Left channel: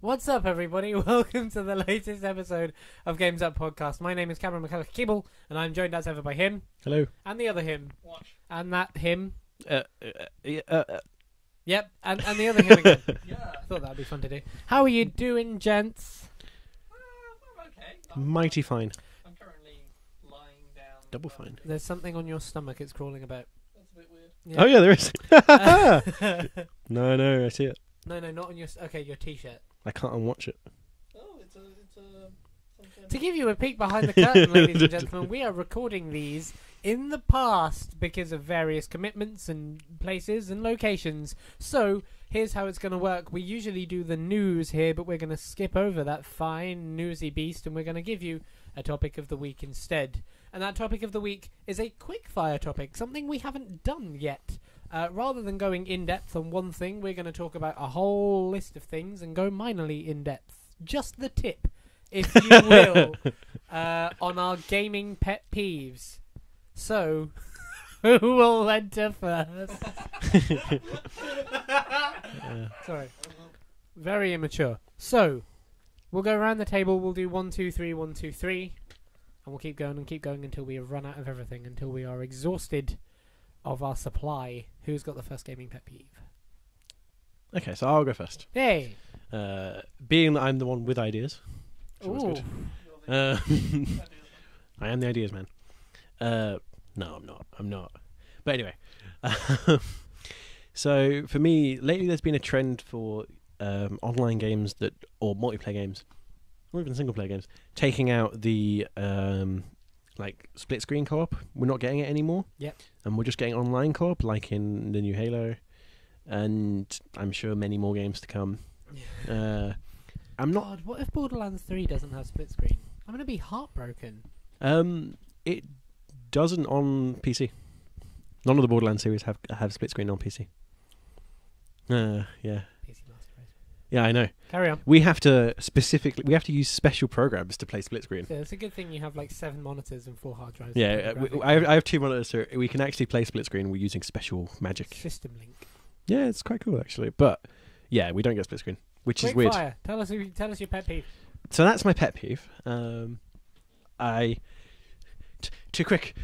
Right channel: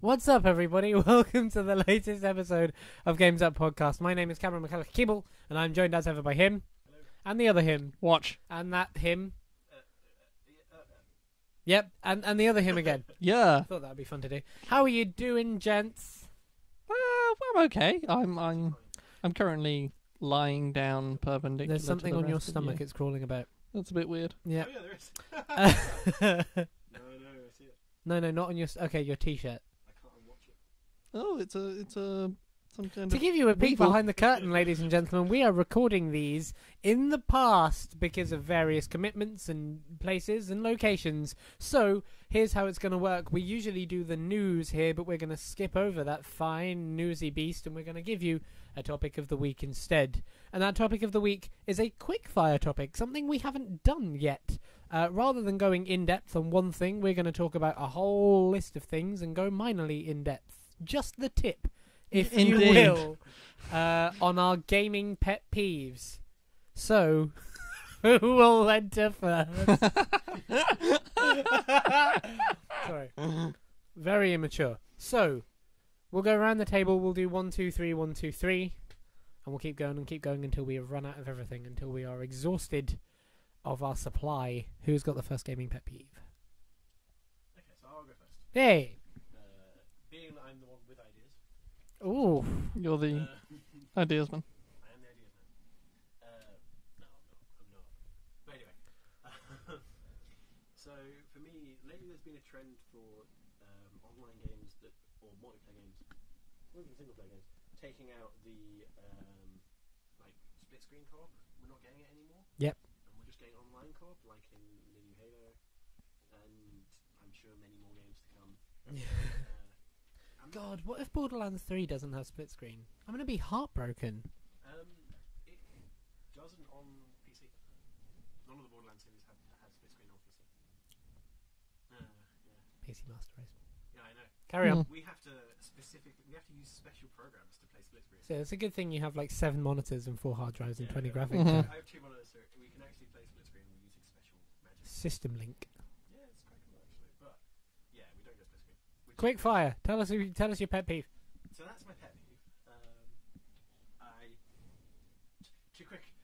What's up, everybody? Welcome to the latest episode of Games Up Podcast. My name is Cameron McCulloch-Keeble, and I'm joined as ever by him. Hello. And the other him. Watch. And that him. Yep, and the other him again. Yeah. Thought that'd be fun to do. How are you doing, gents? I'm okay. I'm mighty fine. I'm currly lying down Double fine. perpendicular. There's something to the on your rest of stomach. you. It's crawling about. That's a bit weird. Yeah. Oh yeah, there is. No, I see it. No, not on your... Okay, your T-shirt. I can't unwatch it. Oh, it's some kind To of give you a peek behind the curtain, ladies and gentlemen, we are recording these in the past because of various commitments and places and locations. So, here's how it's going to work. We usually do the news here, but we're going to skip over that fine newsy beast and we're going to give you a topic of the week instead. And that topic of the week is a quickfire topic, something we haven't done yet. Rather than going in-depth on one thing, we're going to talk about a whole list of things and go minorly in-depth. Just the tip, if you will, on our gaming pet peeves. So, who will enter first? Sorry. Very immature. So, we'll go around the table. We'll do 1, 2, 3, 1, 2, 3. And we'll keep going until we have run out of everything, until we are exhausted of our supply. Who's got the first gaming pet peeve? Okay, so I'll go first. Hey! Being that I'm the one with ideas. Ooh. You're the Uh, ideas man. I am the ideas man. No, I'm not. But anyway. So, for me, lately there's been a trend for online games or multiplayer games, or even single-player games, taking out the split screen co-op. We're not getting it anymore. Yep. And we're just getting online co-op, like in the new Halo, and I'm sure many more games to come. I'm not. God, what if Borderlands 3 doesn't have split screen? I'm going to be heartbroken. It doesn't on PC. None of the Borderlands series have split screen on PC. Yeah. PC Master Race. Yeah, I know. Carry on. We have to use special programs to play split screen. So it's a good thing you have like 7 monitors and 4 hard drives. Yeah, and I have 2 monitors, so we can actually play split screen. We're using special magic. System link. Yeah, it's quite cool actually. But yeah, we don't get split screen, which is weird. Quickfire. Tell us your pet peeve. So that's my pet peeve. Too quick.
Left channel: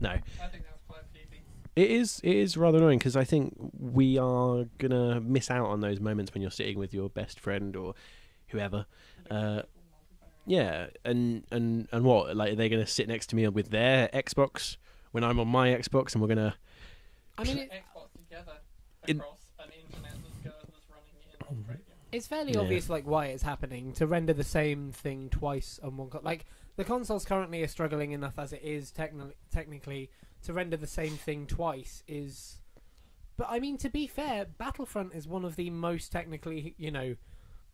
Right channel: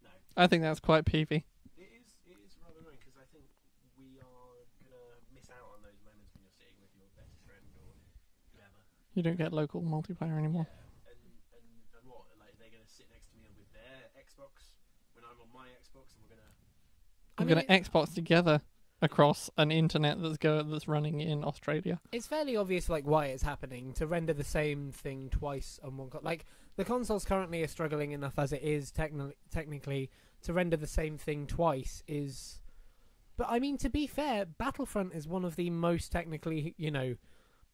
No, I think that's quite peevy. it is rather annoying because I think we are gonna miss out on those moments when you're sitting with your best friend or whoever. You don't get local multiplayer anymore. Yeah, and what? Like, are they gonna sit next to me with their Xbox when I'm on my Xbox, and we're gonna? We're going to Xbox together across an internet that's running in Australia. It's fairly obvious like why it's happening, to render the same thing twice on one like the consoles currently are struggling enough as it is technically to render the same thing twice is. But I mean, to be fair, Battlefront is one of the most technically,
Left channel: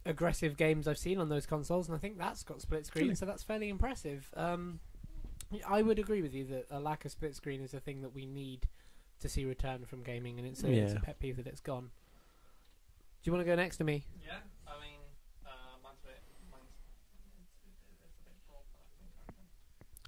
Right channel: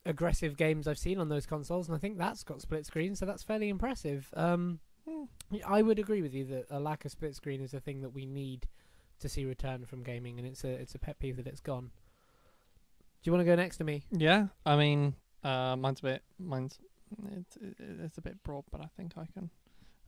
aggressive games I've seen on those consoles, and I think that's got split screen, so that's fairly impressive. I would agree with you that a lack of split screen is a thing that we need to see return from gaming, and it's a pet peeve that it's gone. Do you want to go next to me? Yeah, I mean, it's a bit broad, but I think I can.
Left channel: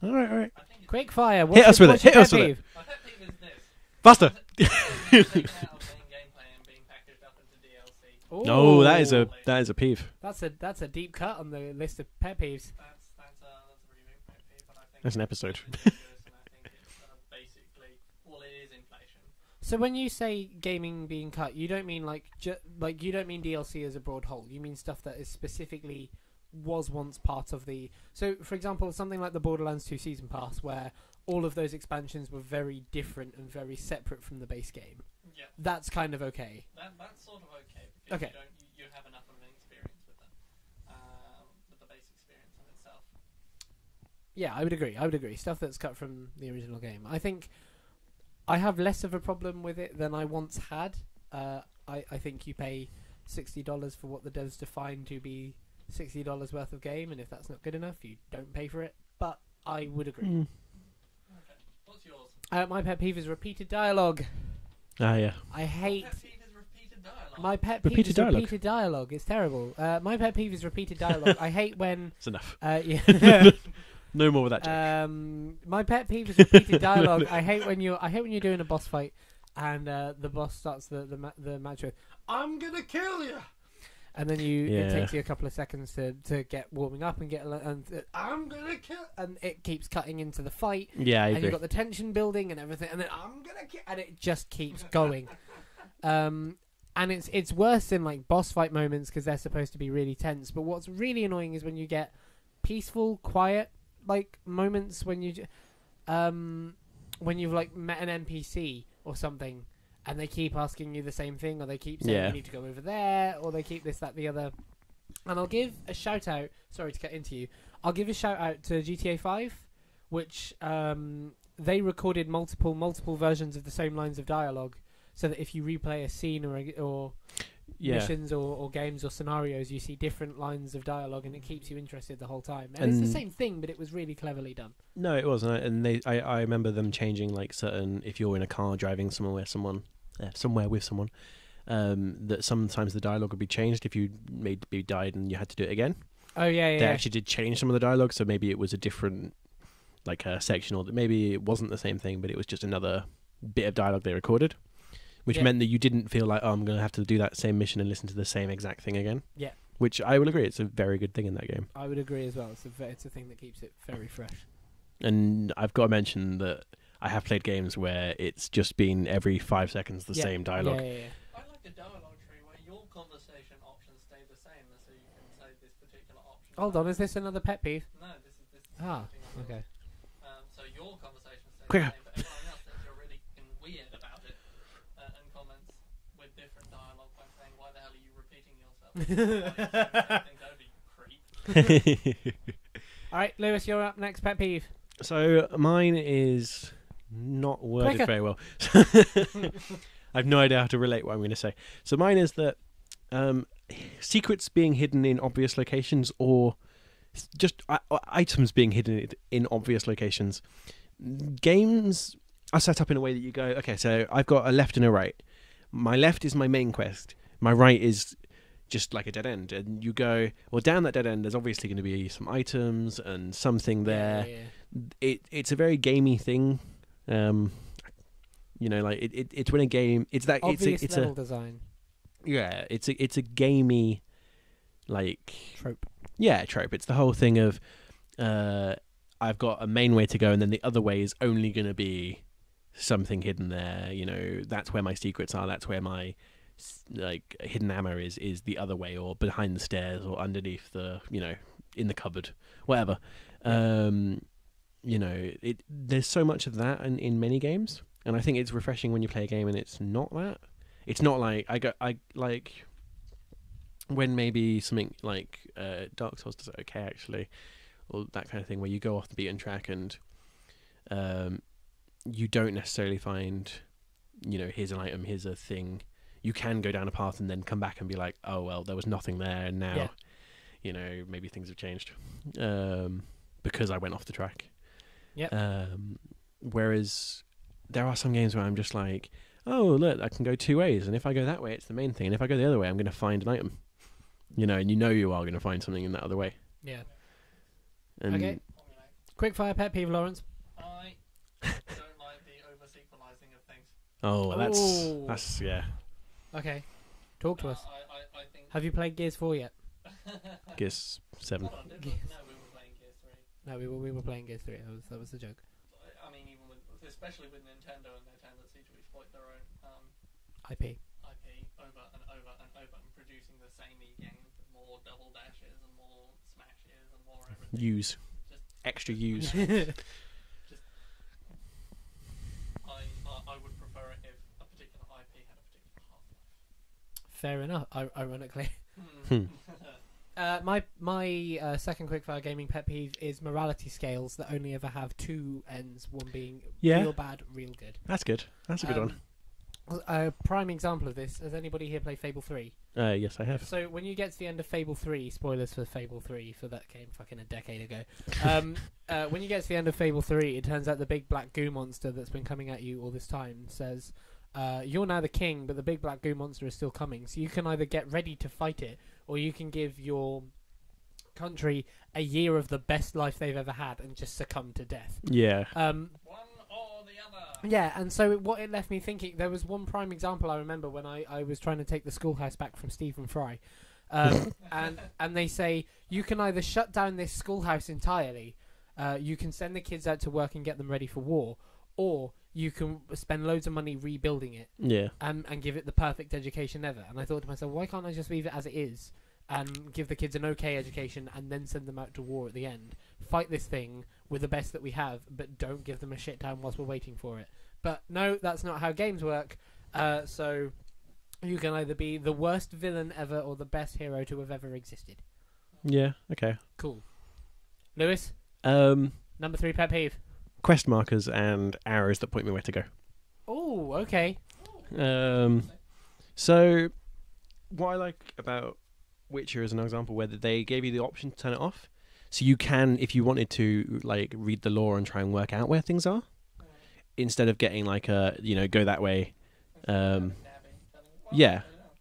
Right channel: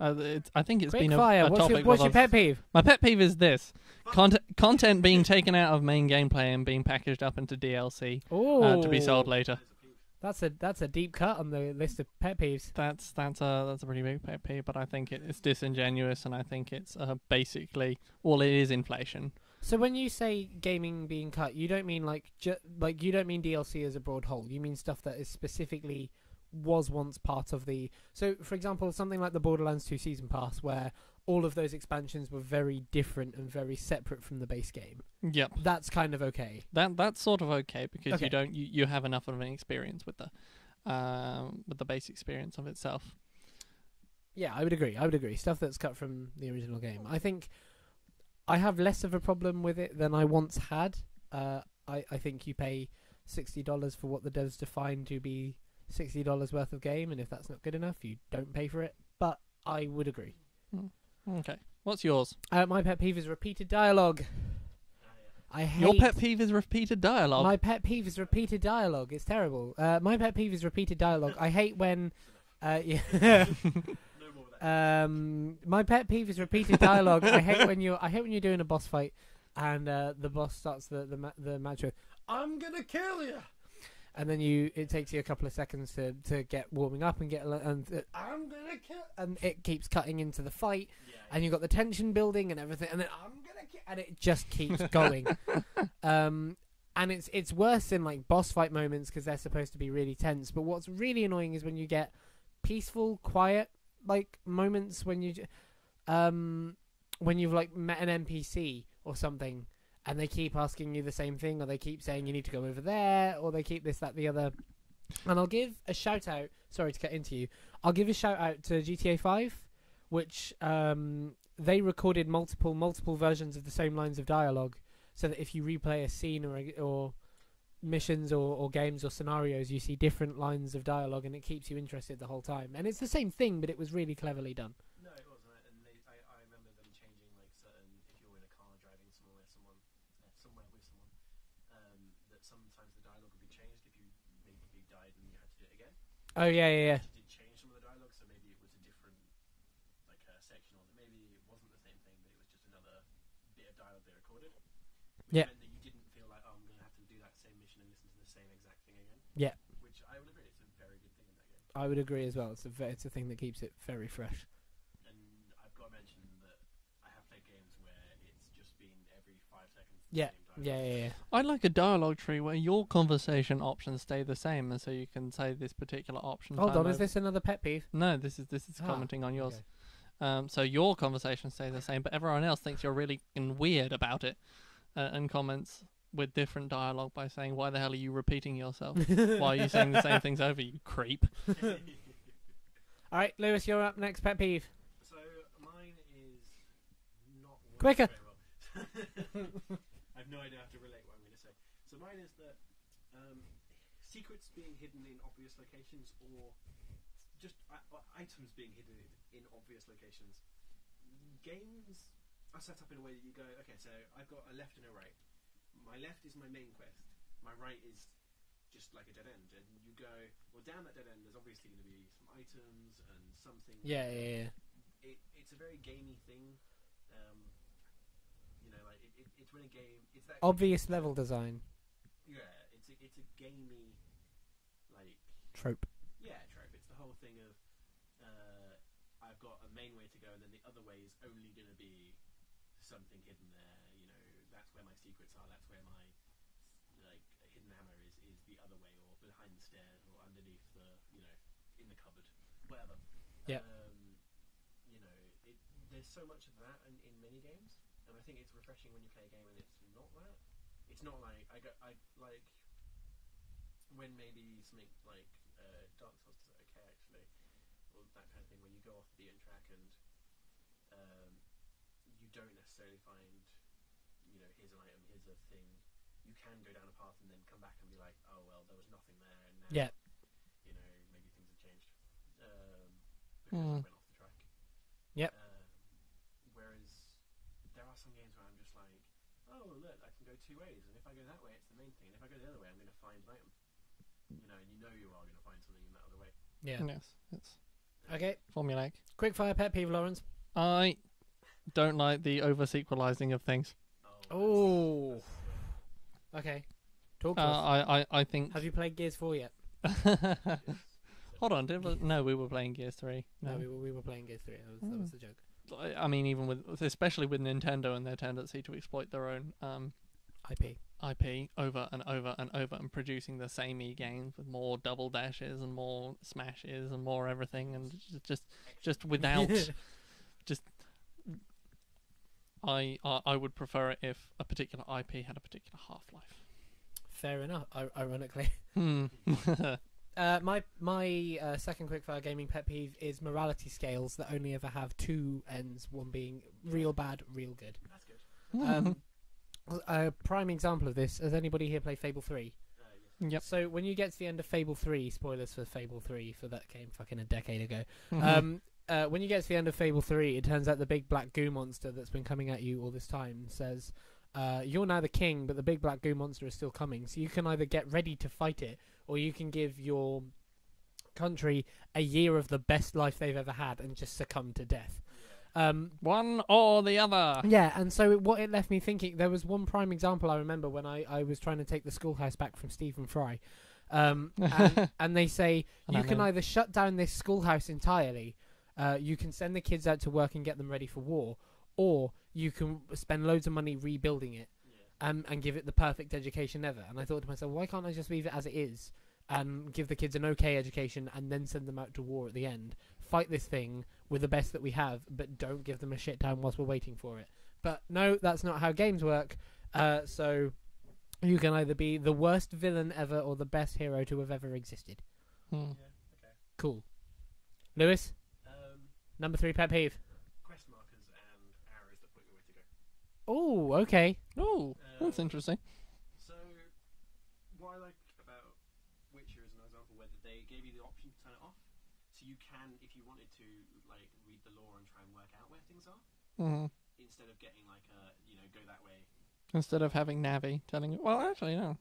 Right. I think it's Quickfire. Hit What's your pet with it. peeve? My pet peeve is this. Faster. Content being taken out of main gameplay and being packaged up into DLC. Oh, that is later. a peeve. That's a deep cut on the list of pet peeves. That's a pretty big pet peeve, but I think That's an it's episode. disingenuous, and I think it's basically all it is inflation. So when you say gaming being cut, you don't mean you don't mean DLC as a broad whole. You mean stuff that is specifically was once part of the. So, for example, something like the Borderlands 2 Season Pass, where all of those expansions were very different and very separate from the base game. Yep. That's kind of okay. That's sort of okay because Okay. you have enough of an experience with the base experience of itself. Yeah, I would agree. Stuff that's cut from the original game. I think I have less of a problem with it than I once had. I think you pay $60 for what the devs define to be $60 worth of game, and if that's not good enough, you don't pay for it. But I would agree. Okay. What's yours? My pet peeve is repeated dialogue. Ah, yeah. I hate... Your pet peeve is repeated dialogue. My pet peeve is repeated dialogue. It's terrible. My pet peeve is repeated dialogue. I hate when... It's enough. Yeah. No more with that. My pet peeve is repeated dialogue. I hate when you're doing a boss fight and the boss starts the match with, "I'm gonna kill you," and then Yeah. it takes you a couple of seconds to get warming up and I'm gonna kill, and it keeps cutting into the fight, Yeah, I and agree. you've got the tension building and everything, and then I'm gonna kill, and it just keeps going. And it's worse in like boss fight moments because they're supposed to be really tense. But what's really annoying is when you get peaceful, quiet like moments when you've like met an NPC or something, and they keep asking you the same thing, or they keep saying you need to go over there, or they keep this, that, the other. And I'll give a shout out. Sorry to get into you. I'll give a shout out to GTA 5, which they recorded multiple versions of the same lines of dialogue, so that if you replay a scene or missions or games or scenarios, you see different lines of dialogue, and it keeps you interested the whole time. And it's the same thing, but it was really cleverly done. No, it wasn't. And I remember them changing like certain, if you're in a car driving somewhere with someone, that sometimes the dialogue would be changed if you maybe died and you had to do it again. Oh yeah. They actually did change some of the dialogue, so maybe it was a different like section, or that maybe it wasn't the same thing, but it was just another bit of dialogue they recorded, which meant that you didn't feel like, oh, I'm going to have to do that same mission and listen to the same exact thing again. Yeah. Which I will agree, it's a very good thing in that game. I would agree as well. It's a thing that keeps it very fresh. And I've got to mention that I have played games where it's just been every 5 seconds the same dialogue. Yeah. I'd like a dialogue tree where your conversation options stay the same, and so you can say this particular option. Hold on, is this another pet peeve? No, this is commenting on yours. Okay. So your conversation stays the same, but everyone else thinks you're really weird about it, and comments with different dialogue by saying, "Why the hell are you repeating yourself? Why are you saying the same things over, you creep?" All right, Lewis, you're up next. Pet peeve. So mine is not worded Quicker. very well. I have no idea how to relate what I'm going to say. So mine is that secrets being hidden in obvious locations, or just items being hidden in obvious locations. Games are set up in a way that you go, okay, so I've got a left and a right. My left is my main quest. My right is just like a dead end. And you go, well, down that dead end, there's obviously going to be some items and something there. Yeah. It's a very gamey thing. Like it's when a game, it's that Obvious it's level design. Yeah, it's a gamey like Trope. Yeah, trope. It's the whole thing of I've got a main way to go, and then the other way is only going to be something hidden there. That's where my secrets are. That's where my like hidden ammo is the other way, or behind the stairs, or underneath the in the cupboard, whatever. Yeah. There's so much of that in many games, and I think it's refreshing when you play a game and it's not that. It's not like I like when maybe something like Dark Souls does it okay actually, or that kind of thing where you go off the beaten track and you don't necessarily find here's an item, here's a thing. You can go down a path and then come back and be like, oh well, there was nothing there, and now maybe things have changed because I went off the track. Whereas there are some games where I'm just like, oh look, I can go two ways, and if I go that way it's the main thing, and if I go the other way I'm going to find an item. And you are going to find something in that other way. Yeah. Yes. And Okay. Formulaic. Quickfire pet peeve, Lawrence. I don't like the over-sequelizing of things. Oh, that's yeah. Okay. Talk to us. I think... Have you played Gears 4 yet? Gears 7. Hold on, no, we were playing Gears 3. No, we were playing Gears 3. That was the joke. I mean, especially with Nintendo and their tendency to exploit their own IP over and over and over, and producing the same games with more double dashes and more smashes and more everything. Use. And just Extra just use. without just. I would prefer it if a particular IP had a particular half-life. Fair enough. Ironically. Hmm. My second quickfire gaming pet peeve is morality scales that only ever have two ends, one being real bad, real good. That's good. That's a good one. A prime example of this, has anybody here played Fable 3? Yes, I have. Yep. So when you get to the end of Fable 3, spoilers for Fable 3, for that came fucking a decade ago. When you get to the end of Fable 3, it turns out the big black goo monster that's been coming at you all this time says, you're now the king, but the big black goo monster is still coming. So you can either get ready to fight it, or you can give your country a year of the best life they've ever had and just succumb to death. Yeah. One or the other. Yeah, and so what it left me thinking, there was one prime example I remember when I was trying to take the schoolhouse back from Stephen Fry. And they say you can either shut down this schoolhouse entirely, you can send the kids out to work and get them ready for war, or you can spend loads of money rebuilding it, and give it the perfect education ever. And I thought to myself, why can't I just leave it as it is and give the kids an okay education and then send them out to war at the end? Fight this thing with the best that we have, but don't give them a shit down whilst we're waiting for it. But no, that's not how games work. So you can either be the worst villain ever or the best hero to have ever existed. Yeah, okay. Cool. Lewis? Number 3 pet peeve. Quest markers and arrows that point me where to go. Oh, okay. Oh, that's interesting. So, what I like about Witcher is an example where they gave you the option to turn it off. So you can, if you wanted to, like, read the lore and try and work out where things are, instead of getting, like, go that way. Instead of having Navi telling you, well, yeah. actually, no.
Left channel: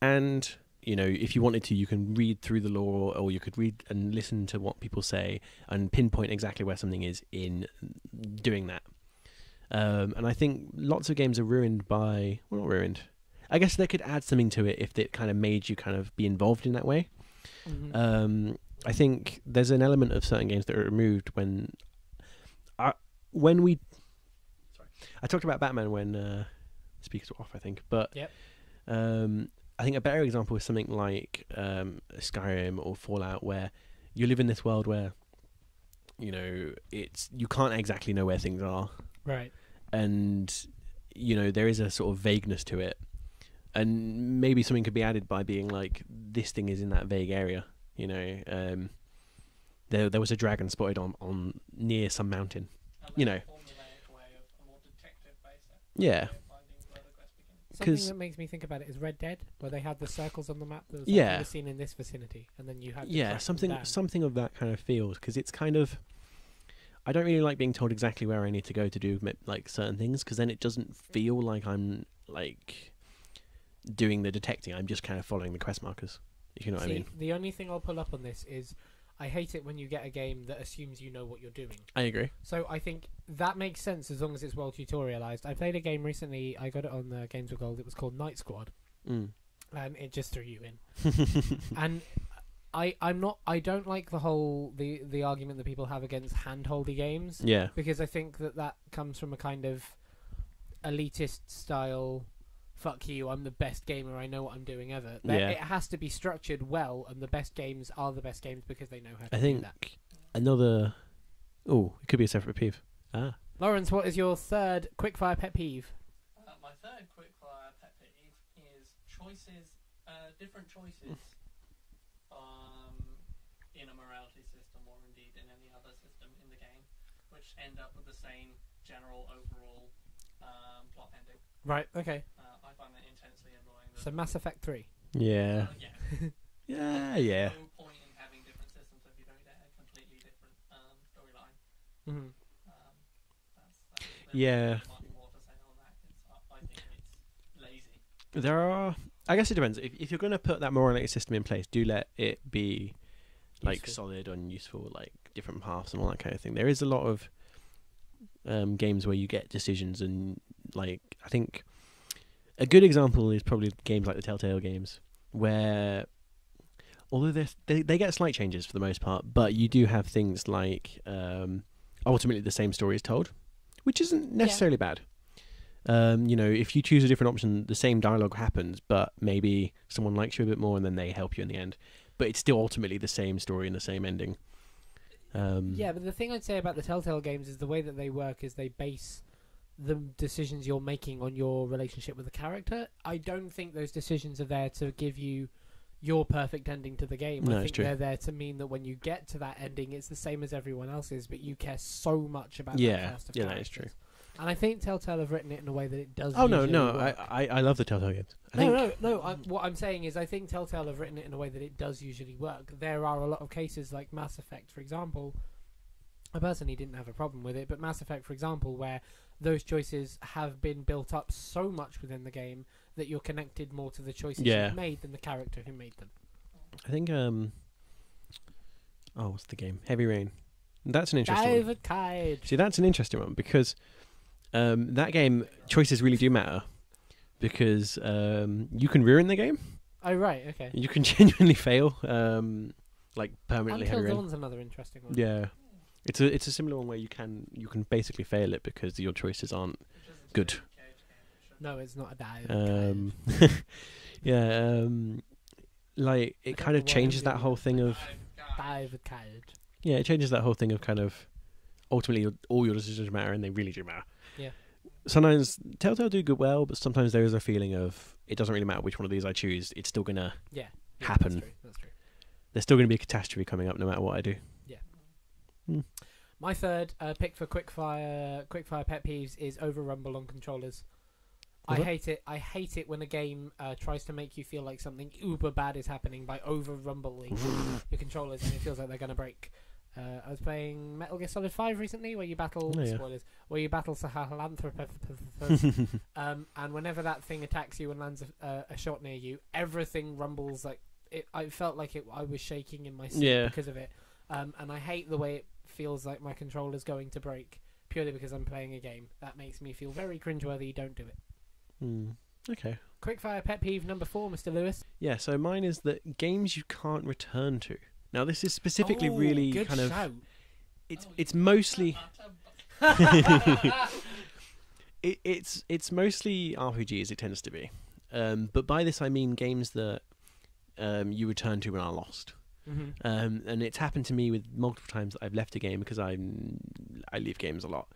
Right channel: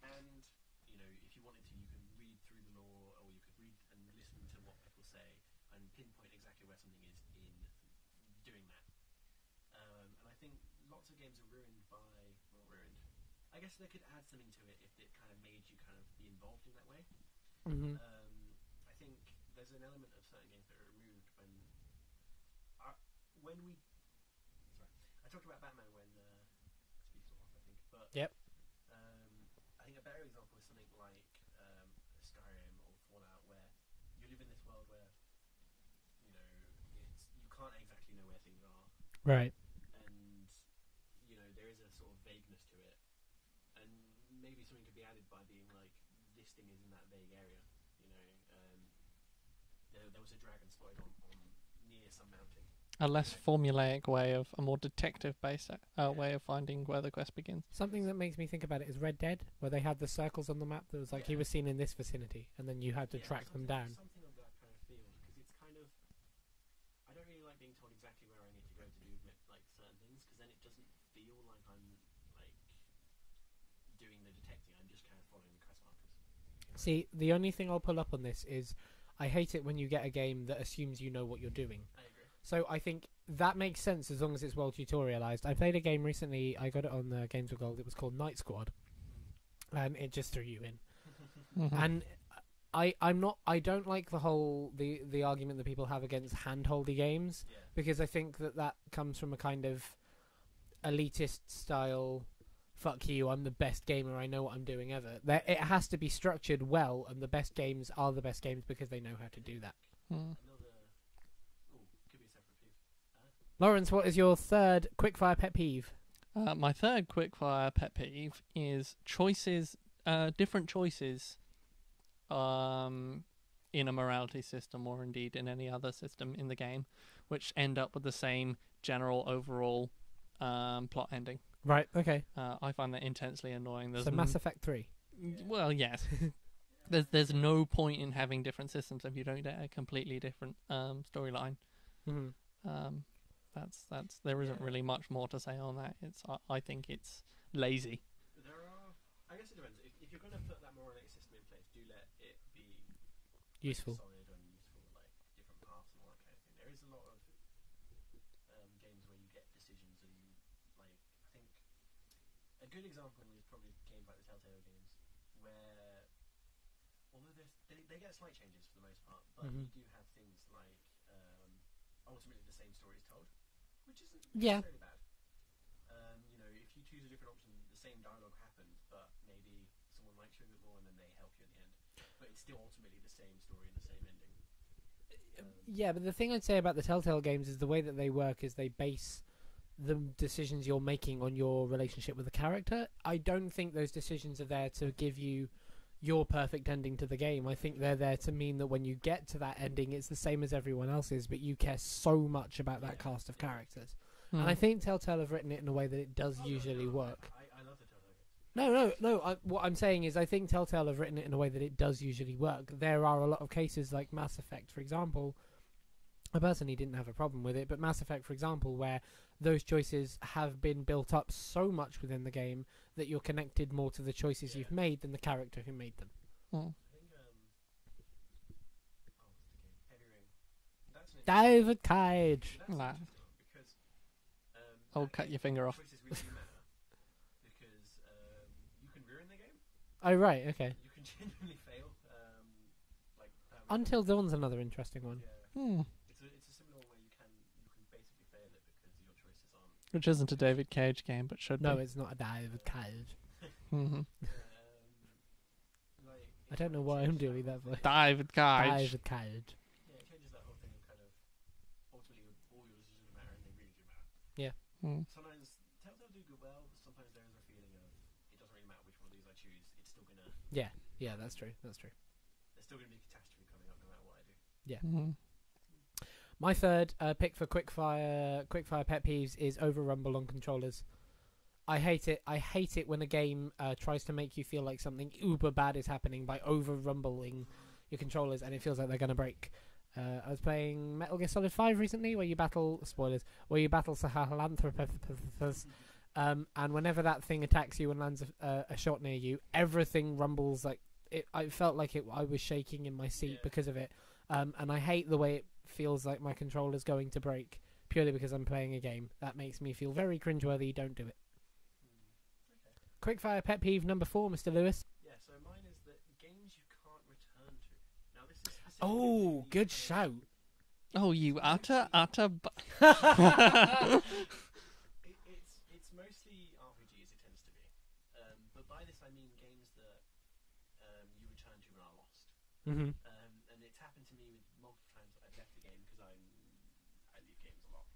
And, if you wanted to, you can read through the lore, or you could read and listen to what people say and pinpoint exactly where something is in doing that. And I think lots of games are ruined by... Well, not ruined. I guess they could add something to it if it kind of made you kind of be involved in that way. Mm-hmm. I think there's an element of certain games that are removed when I talked about Batman when speakers were off, I think. But yep. I think a better example is something like Skyrim or Fallout, where you live in this world where you can't exactly know where things are, right? And there is a sort of vagueness to it, and maybe something could be added by being like, this thing is in that vague area. There was a dragon spotted on near some mountain. A less formulaic way of a more detective-based way of finding where the quest begins. Something that makes me think about it is Red Dead, where they had the circles on the map that was like you were seen in this vicinity, and then you had to track them down. Something of that kind of feel, because it's kind of... I don't really like being told exactly where I need to go to do like certain things, because then it doesn't feel like I'm like doing the detecting. I'm just kind of following the quest markers, if you know what I mean. The only thing I'll pull up on this is I hate it when you get a game that assumes you know what you're doing. I agree. So I think that makes sense as long as it's well tutorialized. I played a game recently, I got it on the Games with Gold, it was called Night Squad. And it just threw you in. And I don't like the argument that people have against handholdy games. Yeah. Because I think that comes from a kind of elitist style, fuck you, I'm the best gamer, I know what I'm doing ever. It has to be structured well, and the best games are the best games because they know how to do that. Another... Oh, it could be a separate peeve. Lawrence, what is your third quickfire pet peeve? My third quickfire pet peeve is different choices in a morality system, or indeed in any other system in the game, which end up with the same general overall plot ending. Right, okay. I find that intensely annoying. So Mass Effect 3? Yeah. Well, yes. There's no point in having different systems if you don't get a completely different storyline. Mm-hmm. There isn't really much more to say on that. I think it's lazy. I guess it depends. If you're going to put that morality system in place, do let it be like solid and useful, like different paths and all that kind of thing. There is a lot of games where you get decisions, and like I think a good example is probably games like the Telltale games, where although they get slight changes for the most part, but you do have things like ultimately the same story is told, which isn't necessarily bad. If you choose a different option, the same dialogue happens, but maybe someone likes you a bit more and then they help you in the end. But it's still ultimately the same story and the same ending. But the thing I'd say about the Telltale games is the way that they work is they base the decisions you're making on your relationship with the character. I don't think those decisions are there to give you your perfect ending to the game. No, I think they're there to mean that when you get to that ending, it's the same as everyone else's, but you care so much about that cast of characters. That's true. And I think Telltale have written it in a way that it does. Oh no, work. I love the Telltale games. What I'm saying is, I think Telltale have written it in a way that it does usually work. There are a lot of cases like Mass Effect, for example. I personally didn't have a problem with it, but Mass Effect, for example, where those choices have been built up so much within the game that you're connected more to the choices you've made than the character who made them. I think what's the game? Heavy Rain. That's an interesting David Cage. See, that's an interesting one because that game choices really do matter, because you can ruin the game Oh right, okay. You can genuinely fail, like permanently. Until header in. Dawn's another interesting one. Yeah, Hmm. it's a similar one where you can basically fail it because your choices aren't. Which isn't a Good. David Cage game, but should No, be. it's not a dive. Mhm. Yeah, like I it don't kind know of why changes I'm that doing whole that, thing of David Cage. Dive code. yeah, it changes that whole thing of kind of ultimately all your decisions matter and they really do matter. Mm. Sometimes Telltale do good well, but sometimes there is a feeling of it doesn't really matter which one of these I choose. It's still gonna Yeah, happen. That's true. That's true. There's still gonna be a catastrophe coming up no matter what I do. Mhm. My third pick for Quickfire pet peeves is over rumble on controllers. I Mhm. hate it. I hate it when a game tries to make you feel like something uber bad is happening by over rumbling your controllers, and it feels like they're gonna break. I was playing Metal Gear Solid 5 recently, where you battle Oh, yeah. spoilers, where you battle Sahelanthropus, and whenever that thing attacks you and lands a shot near you, everything rumbles like it. I felt like I was shaking in my seat Yeah. because of it, and I hate the way it feels like my controller's going to break purely because I'm playing a game. That makes me feel very cringeworthy. Don't do it. Okay. Quickfire pet peeve number 4, Mr. Lewis. Yeah, so mine is that games you can't return to. Now this is specifically Oh, really good kind of shout. it's you mostly utter it's mostly RPGs. It tends to be, but by this I mean games that you return to when are lost. Mm-hmm. And it's happened to me with multiple times that I've left a game because I leave games a lot.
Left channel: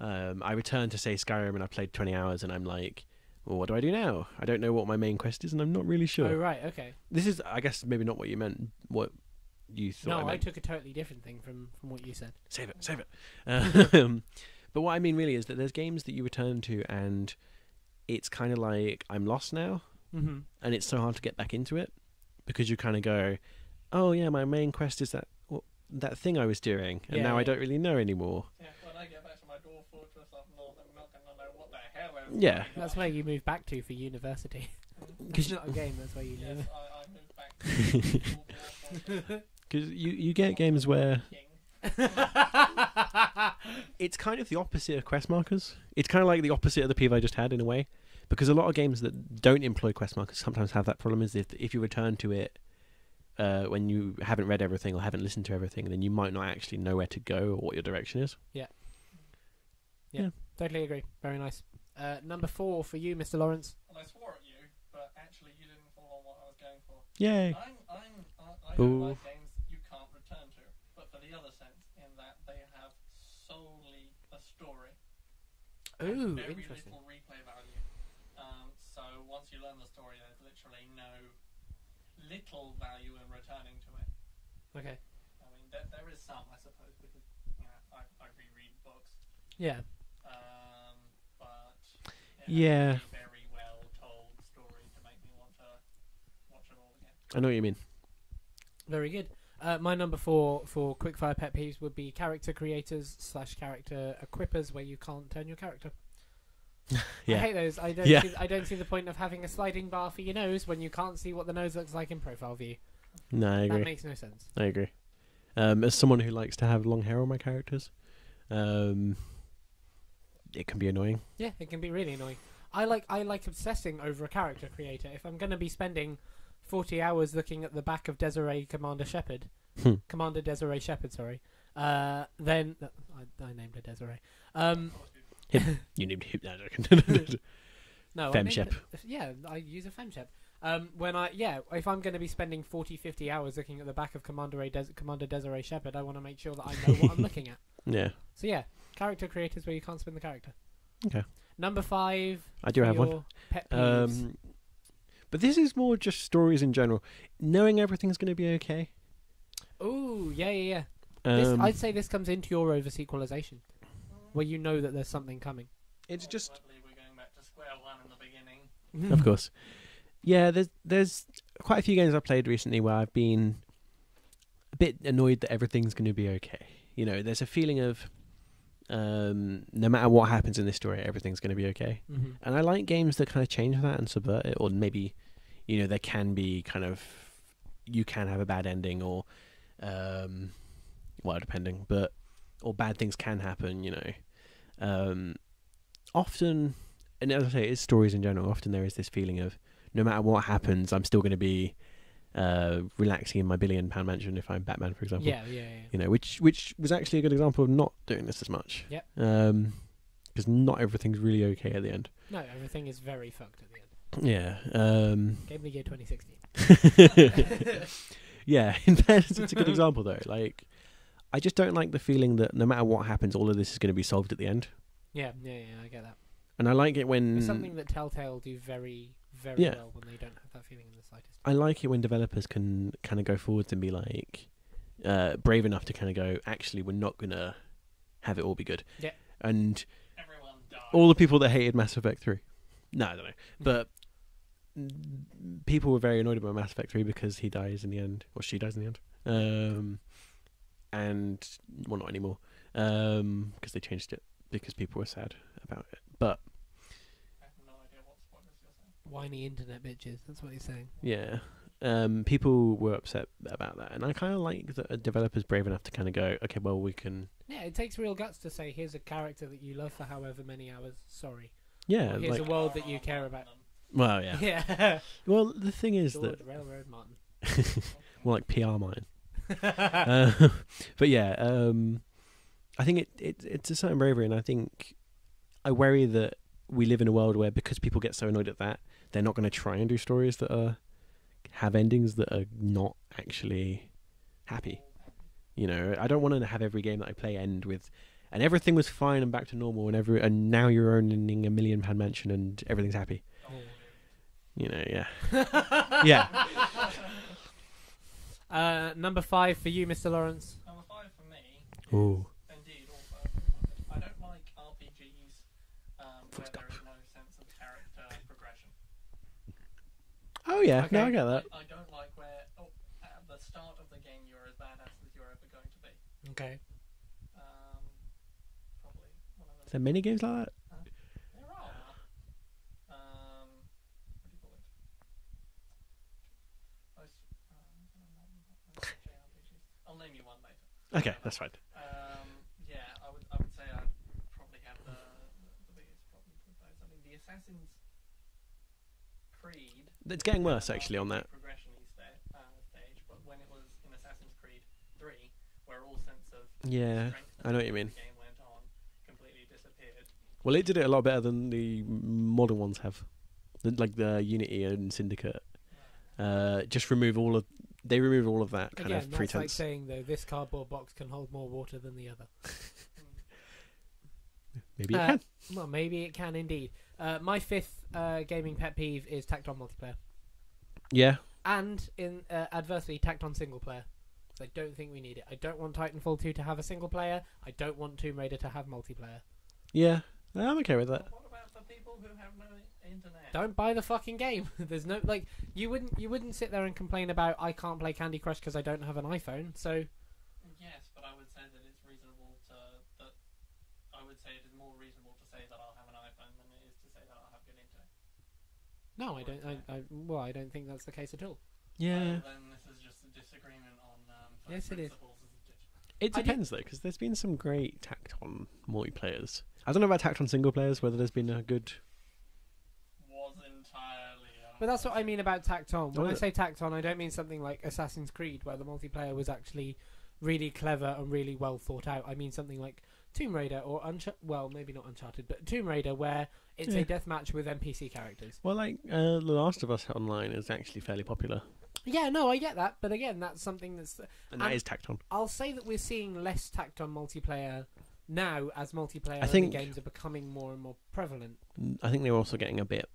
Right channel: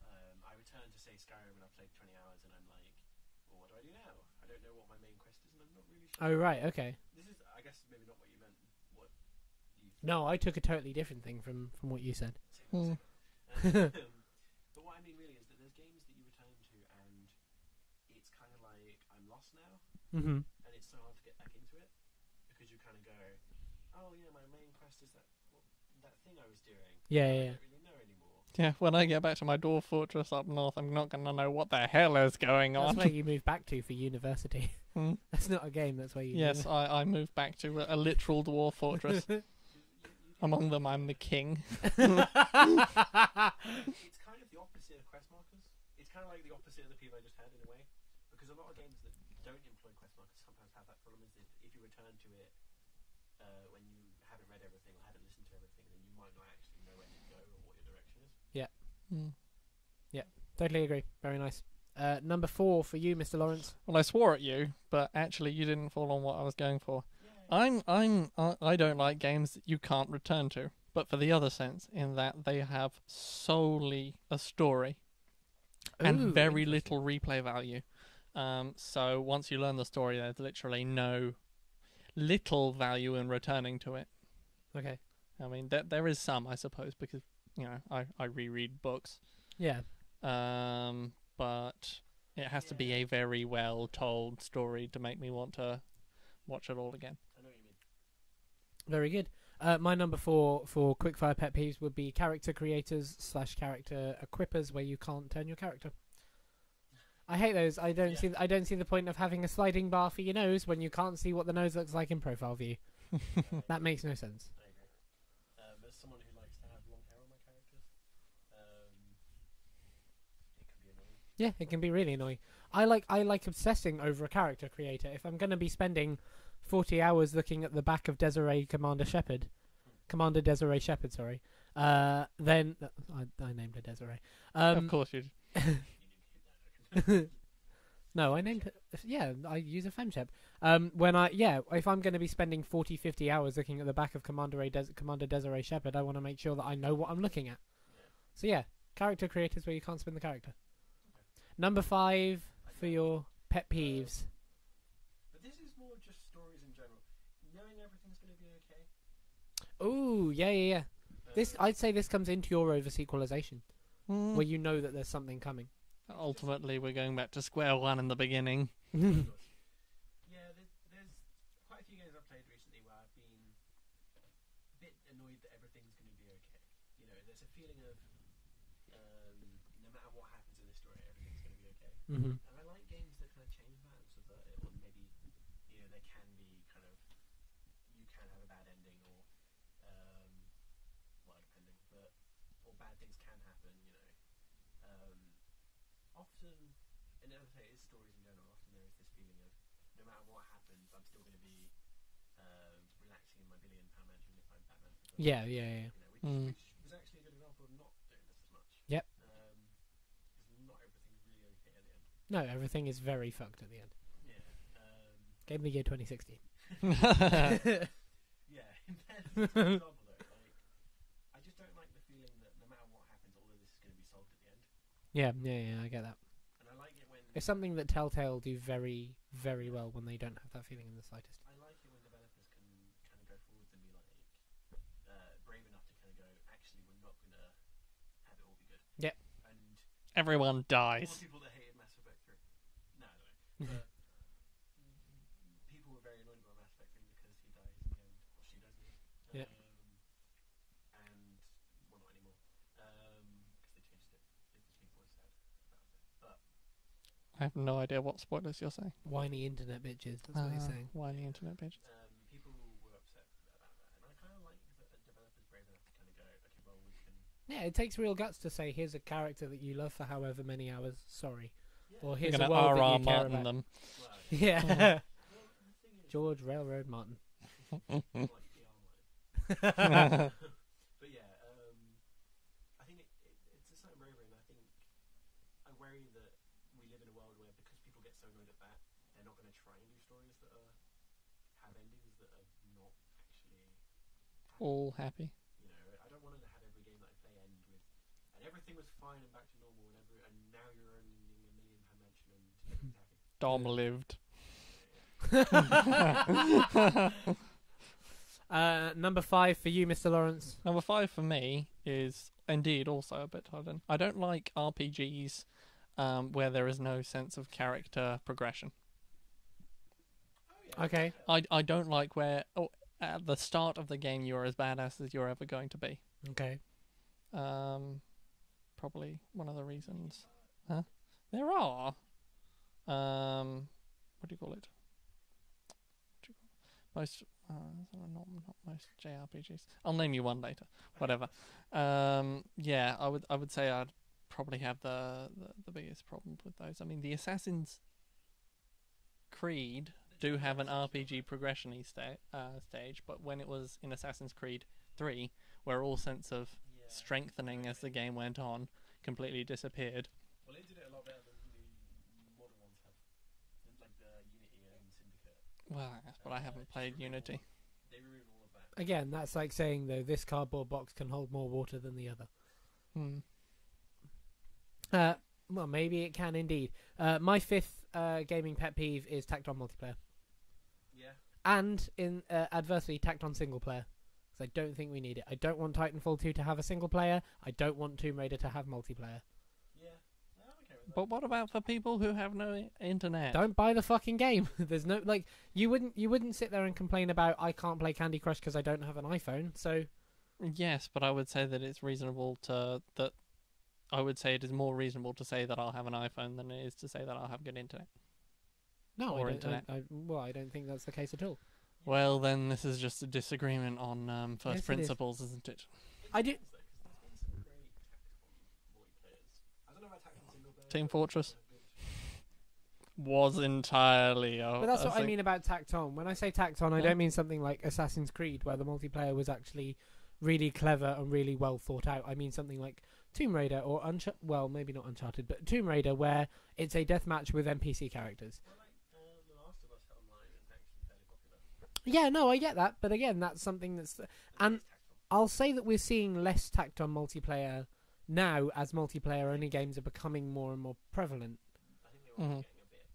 I return to say Skyrim and I've played 20 hours and I'm like, well, what do I do now? I don't know what my main quest is and I'm not really sure. Oh right, okay. This is, I guess, maybe not what you meant. What you thought? No, I meant. took a totally different thing from what you said. Save Mm. it, save it. But what I mean really is that there's games that you return to and it's kind of like I'm lost now, Mm-hmm. and it's so hard to get back into it because you kind of go, oh yeah, my main quest is that thing I was doing, and Yeah, now I yeah. don't really know anymore. Yeah, when I get back to my dwarf fortress up north, I'm not going to know what the hell is Yeah, going That's on. where you move back to for university. Mm. It's not a game. That's where you. Yes, I moved back to a literal dwarf fortress. Because you get Among games them I'm the where king. it's kind of the opposite of quest markers. It's kind of like the opposite of the peeve I just had in a way, because a lot of games that don't employ quest markers sometimes have that problem. Is if you return to it when you haven't read everything or haven't listened to everything, then you might not actually know where to go or what your direction is. Mm. Totally agree. Very nice. Number 4 for you, Mr. Lawrence. Well, I swore at you, but actually you didn't fall on what I was going for. Yay! I don't Ooh. like games that you can't return to, but for the other sense, in that they have solely a story and Ooh, very interesting. little replay value. So once you learn the story, there's literally little value in returning to it. Okay. I mean, there is some, I suppose, because I reread books, Yeah. but it has Yeah. to be a very well told story to make me want to watch it all again. I know what you mean. Very good. My number 4 for quickfire pet peeves would be character creators / character equippers where you can't turn your character. I Yeah. hate those. I don't see the point of having a sliding bar for your nose when you can't see what the nose looks like in profile view. No, I That agree. makes no sense. I agree. As someone who likes to have long hair on my characters, it can be annoying. Yeah, it can be really annoying. I like obsessing over a character creator. If I'm going to be spending 40 hours looking at the back of Commander Desiree Shepherd, sorry. Then I named her Desiree. Of course you. You need to that. No, I named Femshep. her, yeah, I use a Femshep. If I'm going to be spending 40, 50 hours looking at the back of Commander Desiree Shepherd, I want to make sure that I know what I'm looking at. Yeah. So yeah, character creators where you can't spin the character. Okay. Number 5 I do for have your one. pet peeves. But this is more just stories in general. Knowing everything's going to be okay. Ooh, yeah. Um, I'd say this comes into your over sequelization, where you know that there's something coming. it's just, Ultimately, we're going back to square one in the beginning. of course. Yeah, there's quite a few games I've played recently where I've been a bit annoyed that everything's going to be okay. You know, there's a feeling of no matter what happens in this story, everything's going to be okay. Mm-hmm. And I like games that kind of change that and subvert it, or maybe, there can be kind of, you can have a bad ending, or, depending, or bad things can happen, often, and as I say, it's stories in general, often there is this feeling of, no matter what happens, I'm still going to be relaxing in my £1 billion mansion if I'm Batman, for example. Yeah. You know, which was actually a good example of not doing this as much. Yep. Because not everything's really okay at the end. No, everything is very fucked at the end. Yeah. Game of the year 2016. Yeah, in fairness, it's a good example though. Like, I just don't like the feeling that no matter what happens, all of this is going to be solved at the end. Yeah, I get that. And I like it when It's something that Telltale do very, very well when they don't have that feeling in the slightest. I like it when developers can kind of go forwards and be like brave enough to kind of go, actually, we're not going to have it all be good. Yeah. And everyone dies. all the people that hated Mass Effect 3. No, I don't know. But people were very annoyed about Mass Effect 3 because he dies in the end, or she dies in the end. And, well, not anymore. Because they changed it because people were sad about it. But I have no idea what spoilers you're saying. Whiny internet bitches, that's what he's saying. Yeah. People were upset about that. And I kind of like that a developer's brave enough to kind of go, okay, well, we can... Yeah, it takes real guts to say, here's a character that you love for however many hours, sorry. Yeah. Or here's Like a world R.R. that you care Martin about. them. Well, yeah. Yeah. Well, the thing is George that... Railroad Martin. More like P.A.M.E.LA. But yeah, I think it's a certain bravery, and I think I worry that we live in a world where because people get so annoyed at that, they're not going to try and do stories that have endings that are not actually happy. All happy. You know, I don't want to have every game that I play end with, and everything was fine and back to normal, and now you're owning £1 million mansion and everything's happy. Dom lived. You know, yeah, yeah. Number 5 for you, Mr. Lawrence. Number 5 for me is indeed also a bit hard. I don't like RPGs where there is no sense of character progression. Oh yeah, Okay. no, I get that. I don't like where at the start of the game you're as badass as you're ever going to be. Okay. Probably one of the Is reasons. there many games like that? There are. What do you call it? Most, not most JRPGs. I'll name you one later. Okay, Whatever. that's fine. Yeah, I would say I'd probably have the biggest problem with those. I mean, the Assassin's Creed. It's do getting have worse, an actually, on RPG that. progression-y stage, but when it was in Assassin's Creed 3, where all sense of Yeah, strengthening I know what you as mean. the game went on completely disappeared. Well, it did it a lot better than the modern ones have. Like the Unity and Syndicate. Wow. Just remove all of... They remove all of that kind Again, of that's pretense. like saying, though, this cardboard box can hold more water than the other. Maybe it can. Well, maybe it can indeed. My 5th gaming pet peeve is tacked on multiplayer. Yeah. And, adversely, tacked on single player. So I don't think we need it. I don't want Titanfall 2 to have a single player. I don't want Tomb Raider to have multiplayer. Yeah. I'm okay with that. But what about for people who have no internet? Don't buy the fucking game. There's no you wouldn't sit there and complain about I can't play Candy Crush because I don't have an iPhone. So Yes, but I would say that it's reasonable I would say it is more reasonable to say that I'll have an iPhone than it is to say that I'll have good internet. no, Or I internet. don't. I don't think that's the case at all. Yeah. Well, then this is just a disagreement on first Yes, it is. principles, isn't it? It I do- depends, though, because there's been some great tacked on multiplayers. I don't know about tacked on single players, Team whether Fortress. there's been a good... Was entirely. But that's what I mean about tacked on. When Oh, I say tacked on, I Yeah. don't mean something like Assassin's Creed, where the multiplayer was actually really clever and really well thought out. I mean something like Tomb Raider or well, maybe not Uncharted, but Tomb Raider, where it's a deathmatch with NPC characters. Well, like, The Last of Us Online is actually fairly popular. Yeah, no, I get that, but again, that's something that's. And that And- is tacked on. I'll say that we're seeing less tacked on multiplayer now as multiplayer only think- games are becoming more and more prevalent. I think they were also getting a bit...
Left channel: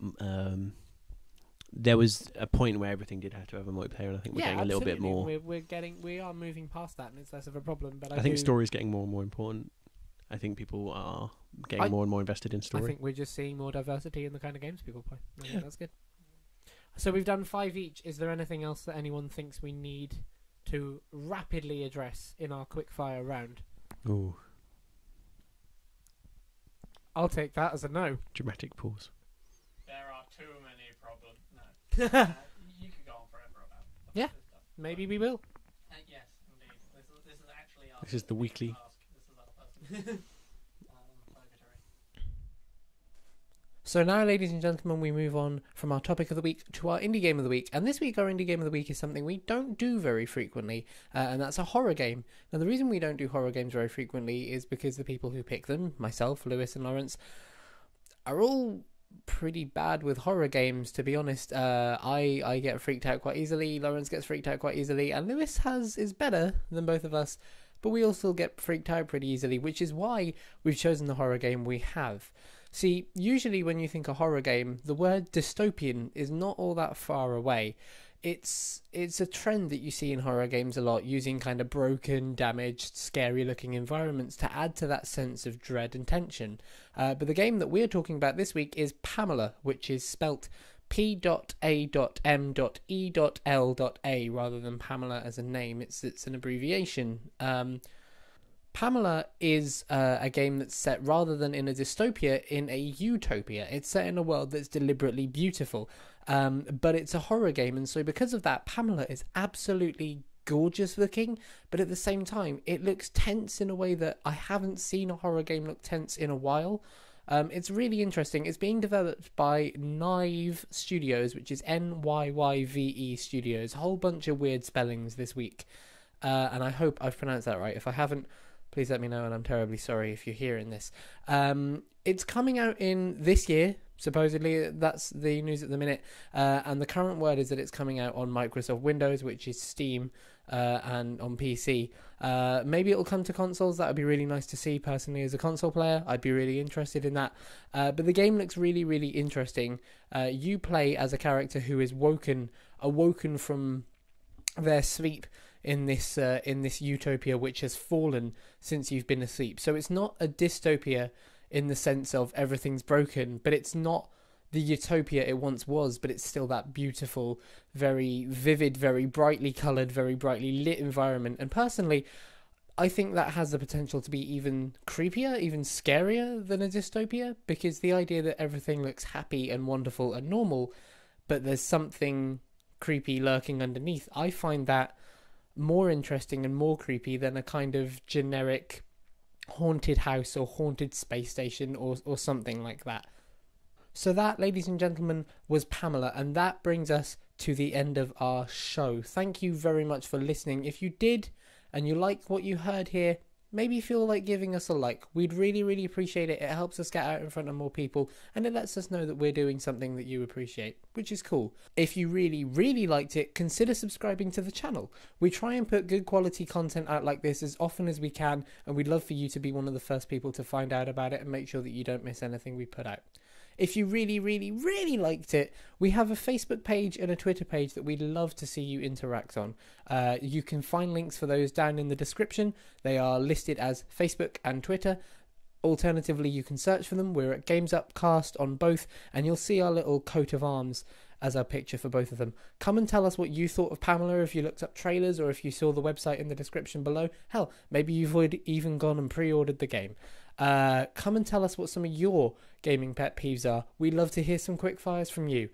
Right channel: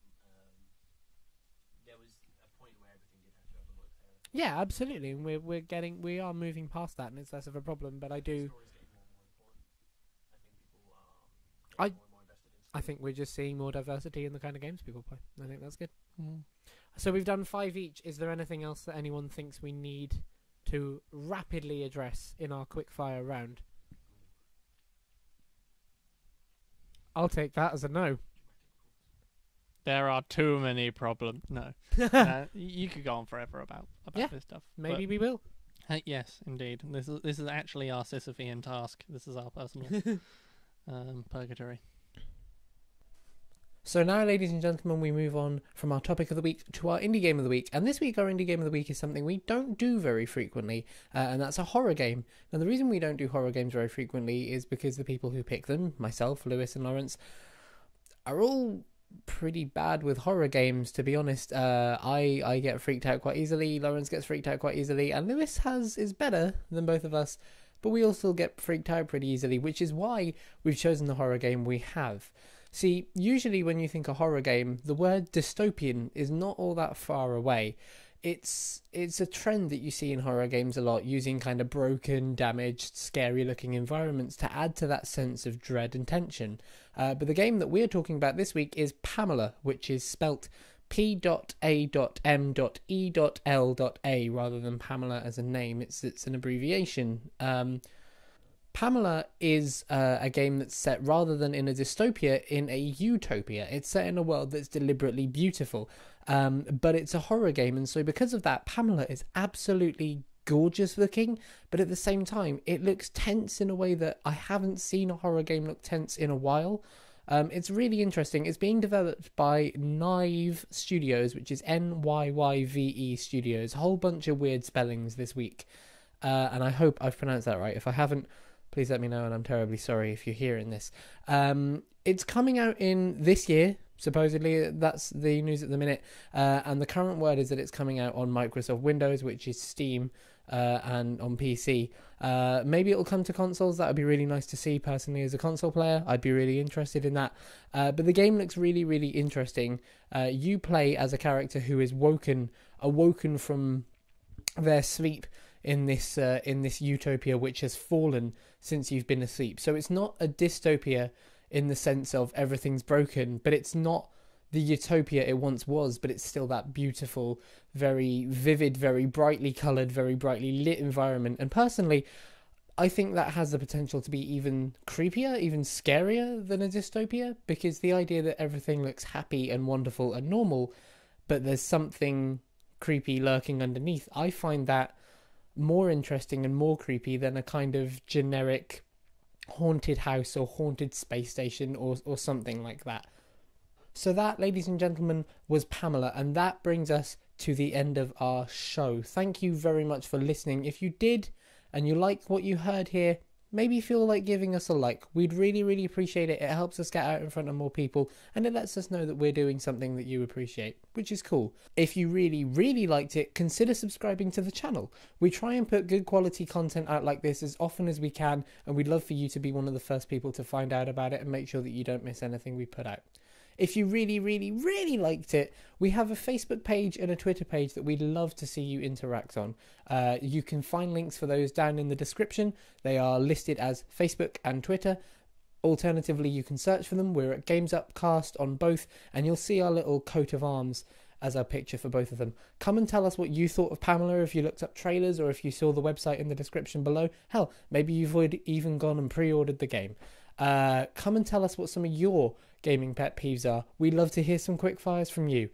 there was a point where everything did have to have a multiplayer, and I think we're Yeah, getting a little bit absolutely. more... We are moving past that, and it's less of a problem. But I think story's getting more and more important. I think people are getting more and more invested in story. I think we're just seeing more diversity in the kind of games people play. I think that's good. Mm. So we've done 5 each. Is there anything else that anyone thinks we need to rapidly address in our quickfire round? Ooh, I'll take that as a no. dramatic pause. There are too many problems. No, you could go on forever about Yeah, this stuff. Maybe we will. Yes, indeed. This is actually our This is the Sisyphean weekly. task. This is our personal purgatory. So now, ladies and gentlemen, we move on from our topic of the week to our indie game of the week. And this week, our indie game of the week is something we don't do very frequently, and that's a horror game. Now, the reason we don't do horror games very frequently is because the people who pick them, myself, Lewis and Lawrence, are all pretty bad with horror games, to be honest. I get freaked out quite easily, Lawrence gets freaked out quite easily, and Lewis is better than both of us, but we all still get freaked out pretty easily, which is why we've chosen the horror game we have. See, usually when you think a horror game, the word dystopian is not all that far away. It's a trend that you see in horror games a lot, using kind of broken, damaged, scary-looking environments to add to that sense of dread and tension. But the game that we're talking about this week is P.A.M.E.LA, which is spelt P.A.M.E.L.A rather than Pamela as a name. It's an abbreviation. P.A.M.E.LA is a game that's set, rather than in a dystopia, in a utopia. It's set in a world that's deliberately beautiful, but it's a horror game, and so because of that, P.A.M.E.LA is absolutely gorgeous looking, but at the same time, it looks tense in a way that I haven't seen a horror game look tense in a while. It's really interesting. It's being developed by NVYVE Studios, which is NYYVE Studios. A whole bunch of weird spellings this week, and I hope I've pronounced that right. If I haven't, please let me know, and I'm terribly sorry if you're hearing this. It's coming out in this year, supposedly. That's the news at the minute. And the current word is that it's coming out on Microsoft Windows, which is Steam, and on PC. Maybe it'll come to consoles. That would be really nice to see, personally, as a console player. I'd be really interested in that. But the game looks really, really interesting. You play as a character who is awoken from their sleep in this utopia which has fallen since you've been asleep. So it's not a dystopia in the sense of everything's broken, but it's not the utopia it once was, but it's still that beautiful, very vivid, very brightly coloured, very brightly lit environment. And personally, I think that has the potential to be even creepier, even scarier than a dystopia, because the idea that everything looks happy and wonderful and normal, but there's something creepy lurking underneath, I find that more interesting and more creepy than a kind of generic haunted house or haunted space station or something like that. So that, ladies and gentlemen, was P.A.M.E.LA, and that brings us to the end of our show. Thank you very much for listening. If you did and you liked what you heard here, maybe feel like giving us a like. We'd really, really appreciate it. It helps us get out in front of more people, and it lets us know that we're doing something that you appreciate, which is cool. If you really, really liked it, consider subscribing to the channel. We try and put good quality content out like this as often as we can, and we'd love for you to be one of the first people to find out about it and make sure that you don't miss anything we put out. If you really, really, really liked it, we have a Facebook page and a Twitter page that we'd love to see you interact on. You can find links for those down in the description. They are listed as Facebook and Twitter. Alternatively, you can search for them. We're at Games Upcast on both, and you'll see our little coat of arms as our picture for both of them. Come and tell us what you thought of P.A.M.E.LA if you looked up trailers or if you saw the website in the description below. Hell, maybe you've even gone and pre-ordered the game. Come and tell us what some of your gaming pet peeves are. We'd love to hear some quick fires from you.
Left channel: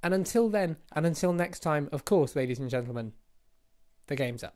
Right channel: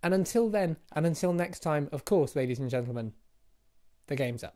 And until then, and until next time, of course, ladies and gentlemen, the game's up.